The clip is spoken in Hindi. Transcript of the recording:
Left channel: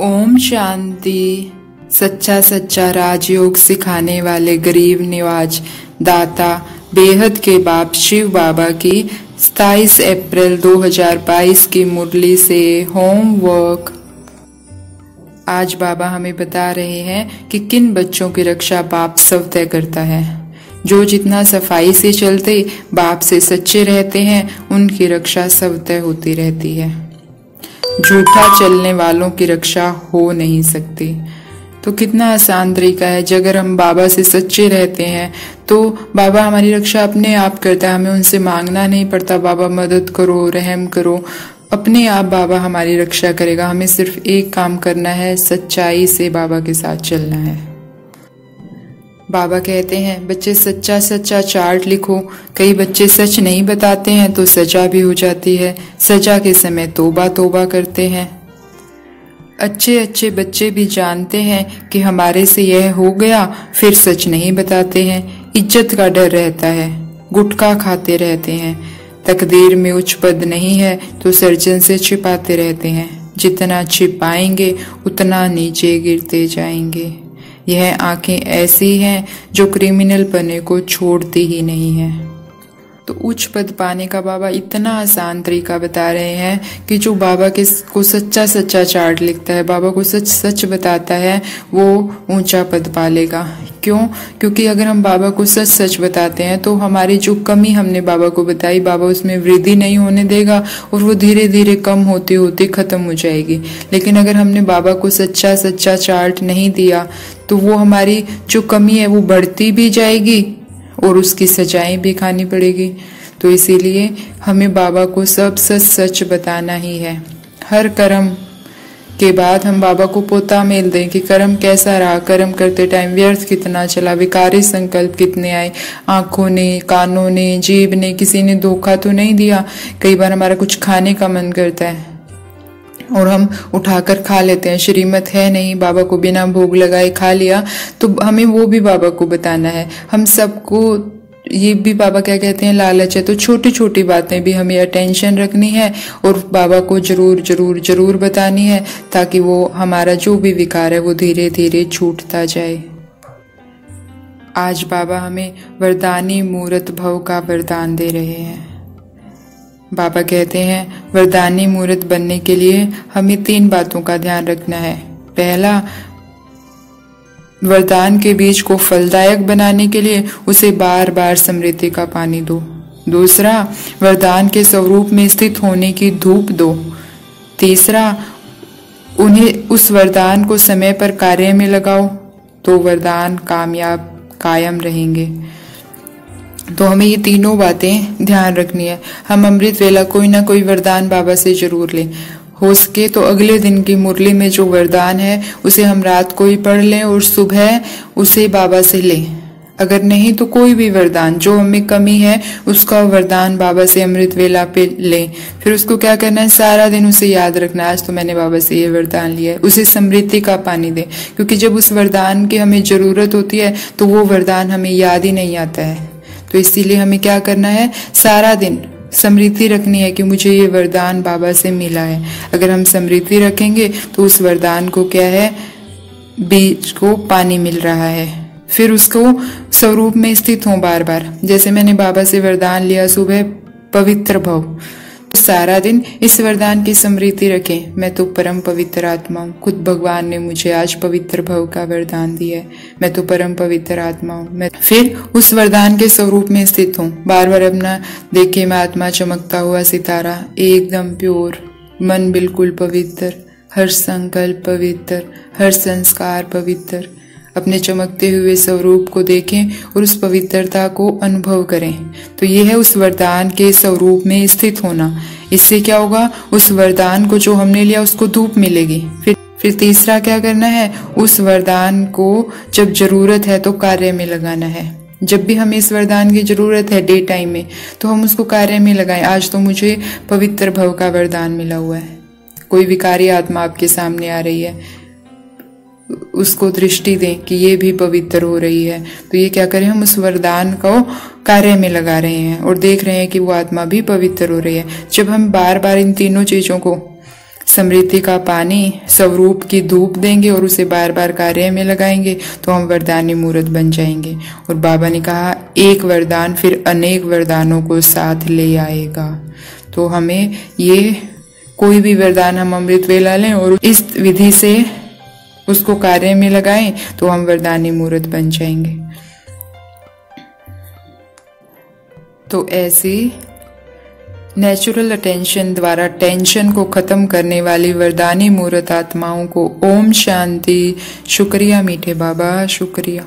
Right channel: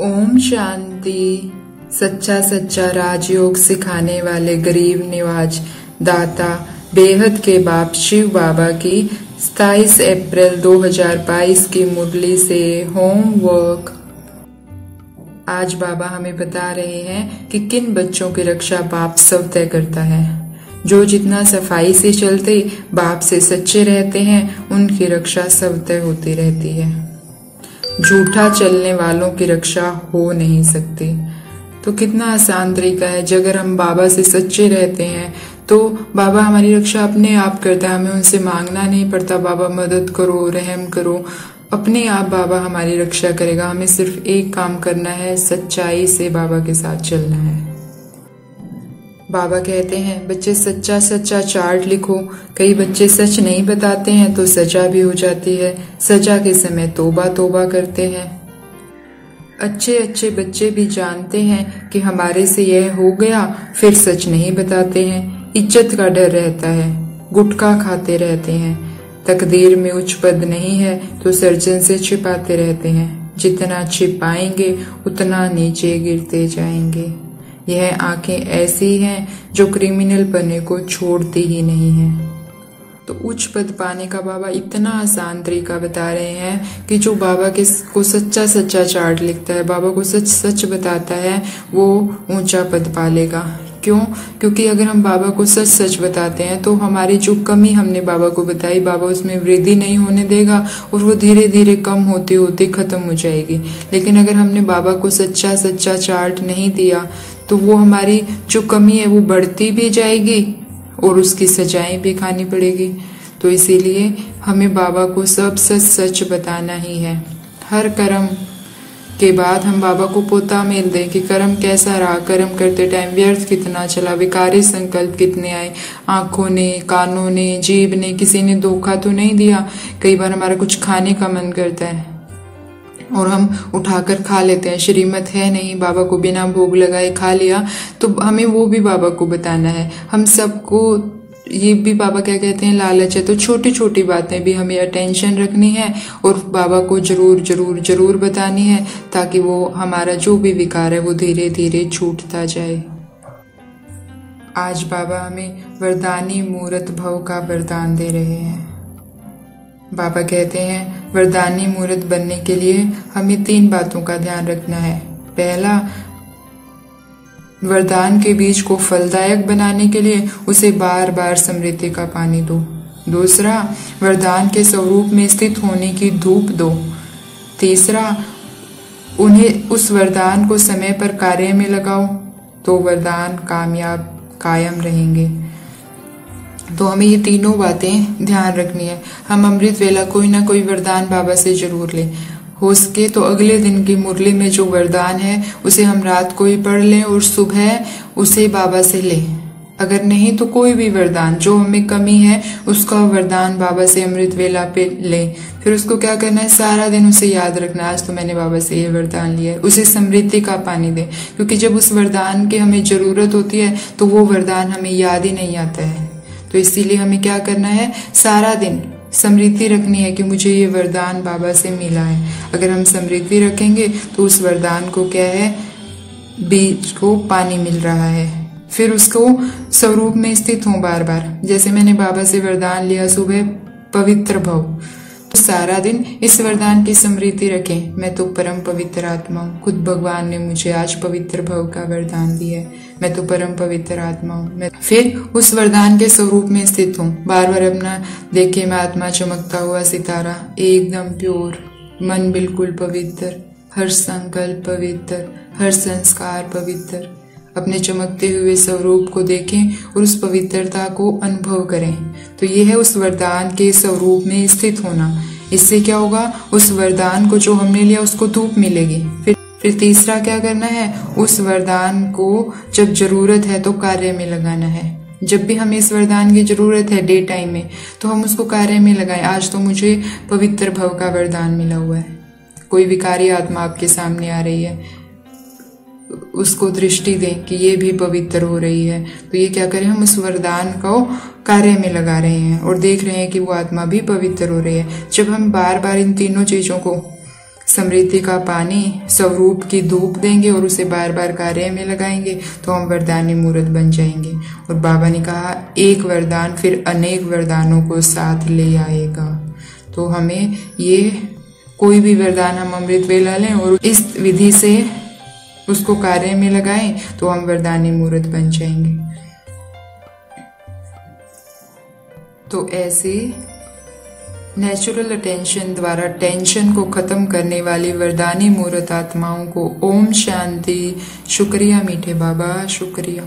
ओम शांति। सच्चा सच्चा राजयोग सिखाने वाले गरीब निवाज दाता बेहद के बाप शिव बाबा की 27 अप्रैल 2022 की मुरली से होमवर्क। आज बाबा हमें बता रहे हैं कि किन बच्चों की रक्षा बाप स्वतः करता है। जो जितना सफाई से चलते बाप से सच्चे रहते हैं उनकी रक्षा स्वतः होती रहती है। झूठा चलने वालों की रक्षा हो नहीं सकती। तो कितना आसान तरीका है। अगर हम बाबा से सच्चे रहते हैं तो बाबा हमारी रक्षा अपने आप करता है। हमें उनसे मांगना नहीं पड़ता, बाबा मदद करो, रहम करो, अपने आप बाबा हमारी रक्षा करेगा। हमें सिर्फ एक काम करना है, सच्चाई से बाबा के साथ चलना है। बाबा कहते हैं बच्चे सच्चा सच्चा चार्ट लिखो। कई बच्चे सच नहीं बताते हैं तो सजा भी हो जाती है। सजा के समय तोबा तोबा करते हैं। अच्छे अच्छे बच्चे भी जानते हैं कि हमारे से यह हो गया, फिर सच नहीं बताते हैं। इज्जत का डर रहता है, गुटखा खाते रहते हैं। तकदीर में उच्च पद नहीं है तो सर्जन से छिपाते रहते हैं। जितना छिपाएंगे उतना नीचे गिरते जाएंगे। यह आंखें ऐसी हैं जो क्रिमिनल पने को छोड़ती ही नहीं है। तो उच्च पद पाने का बाबा इतना आसान तरीका बता रहे हैं कि जो बाबा को सच्चा सच्चा चार्ट लिखता है, बाबा को सच सच बताता है, वो ऊंचा पद पालेगा। क्यों? क्योंकि अगर हम बाबा को सच सच बताते हैं तो हमारी जो कमी हमने बाबा को बताई, बाबा उसमें वृद्धि नहीं होने देगा और वो धीरे धीरे कम होते होते खत्म हो जाएगी। लेकिन अगर हमने बाबा को सच्चा सच्चा चार्ट नहीं दिया तो वो हमारी जो कमी है वो बढ़ती भी जाएगी और उसकी सजाएं भी खानी पड़ेगी। तो इसीलिए हमें बाबा को सब सच सच बताना ही है। हर कर्म के बाद हम बाबा को पोता मेल दें कि कर्म कैसा रहा, कर्म करते टाइम व्यर्थ कितना चला, विकारी संकल्प कितने आए, आंखों ने, कानों ने, जीभ ने, किसी ने धोखा तो नहीं दिया। कई बार हमारा कुछ खाने का मन करता है और हम उठाकर खा लेते हैं, श्रीमत है नहीं, बाबा को बिना भोग लगाए खा लिया, तो हमें वो भी बाबा को बताना है। हम सबको ये भी बाबा क्या कहते हैं, लालच है। तो छोटी छोटी बातें भी हमें अटेंशन रखनी है और बाबा को जरूर जरूर जरूर बतानी है ताकि वो हमारा जो भी विकार है वो धीरे धीरे छूटता जाए। आज बाबा हमें वरदानी मूर्त भव का वरदान दे रहे हैं। बाबा कहते हैं वरदानी मूर्त बनने के लिए हमें 3 बातों का ध्यान रखना है। पहला, वरदान के बीज को फलदायक बनाने के लिए उसे बार बार स्मृति का पानी दो। दूसरा, वरदान के स्वरूप में स्थित होने की धूप दो। तीसरा, उन्हें उस वरदान को समय पर कार्य में लगाओ तो वरदान कायम रहेंगे। तो हमें ये तीनों बातें ध्यान रखनी है। हम अमृत वेला कोई ना कोई वरदान बाबा से जरूर लें। हो सके तो अगले दिन की मुरली में जो वरदान है उसे हम रात को ही पढ़ लें और सुबह उसे बाबा से लें। अगर नहीं तो कोई भी वरदान जो हमें कमी है उसका वरदान बाबा से अमृत वेला पे लें। फिर उसको क्या करना है, सारा दिन उसे याद रखना है, आज तो मैंने बाबा से ये वरदान लिया है। उसे स्मृति का पानी दें, क्योंकि जब उस वरदान की हमें जरूरत होती है तो वो वरदान हमें याद ही नहीं आता है। तो इसीलिए हमें क्या करना है, सारा दिन स्मृति रखनी है कि मुझे ये वरदान बाबा से मिला है। अगर हम स्मृति रखेंगे तो उस वरदान को क्या है, बीज को पानी मिल रहा है। फिर उसको स्वरूप में स्थित हो बार बार। जैसे मैंने बाबा से वरदान लिया सुबह पवित्र भव, तो सारा दिन इस वरदान की स्मृति रखें, मैं तो परम पवित्र आत्मा हूँ। खुद भगवान ने मुझे आज पवित्र भव का वरदान दिया है, मैं तो परम पवित्र आत्मा हूँ। फिर उस वरदान के स्वरूप में स्थित हूँ। बार बार अपना देखे मैं आत्मा चमकता हुआ सितारा, एकदम प्योर, मन बिल्कुल पवित्र, हर संकल्प पवित्र, हर संस्कार पवित्र। अपने चमकते हुए स्वरूप को देखें और उस पवित्रता को अनुभव करें। तो ये है उस वरदान के स्वरूप में स्थित होना। इससे क्या होगा, उस वरदान को जो हमने लिया उसको धूप मिलेगी। फिर तीसरा क्या करना है, उस वरदान को जब जरूरत है तो कार्य में लगाना है। जब भी हमें इस वरदान की जरूरत है डे टाइम में तो हम उसको कार्य में लगाएं। आज तो मुझे पवित्र भव का वरदान मिला हुआ है। कोई विकारी आत्मा आपके सामने आ रही है, उसको दृष्टि दें कि ये भी पवित्र हो रही है। तो ये क्या करें, हम उस वरदान को कार्य में लगा रहे हैं और देख रहे हैं कि वो आत्मा भी पवित्र हो रही है। जब हम बार बार इन तीनों चीजों को समृद्धि का पानी स्वरूप की धूप देंगे और उसे बार बार कार्य में लगाएंगे तो हम वरदानी मूर्त बन जाएंगे। और बाबा ने कहा एक वरदान फिर अनेक वरदानों को साथ ले आएगा। तो हमें ये कोई भी वरदान हम अमृत वेला लें और इस विधि से उसको कार्य में लगाएं तो हम वरदानी मूर्त बन जाएंगे। तो ऐसे नेचुरल अटेंशन द्वारा टेंशन को खत्म करने वाली वरदानी मूर्त आत्माओं को ओम शांति। शुक्रिया मीठे बाबा, शुक्रिया।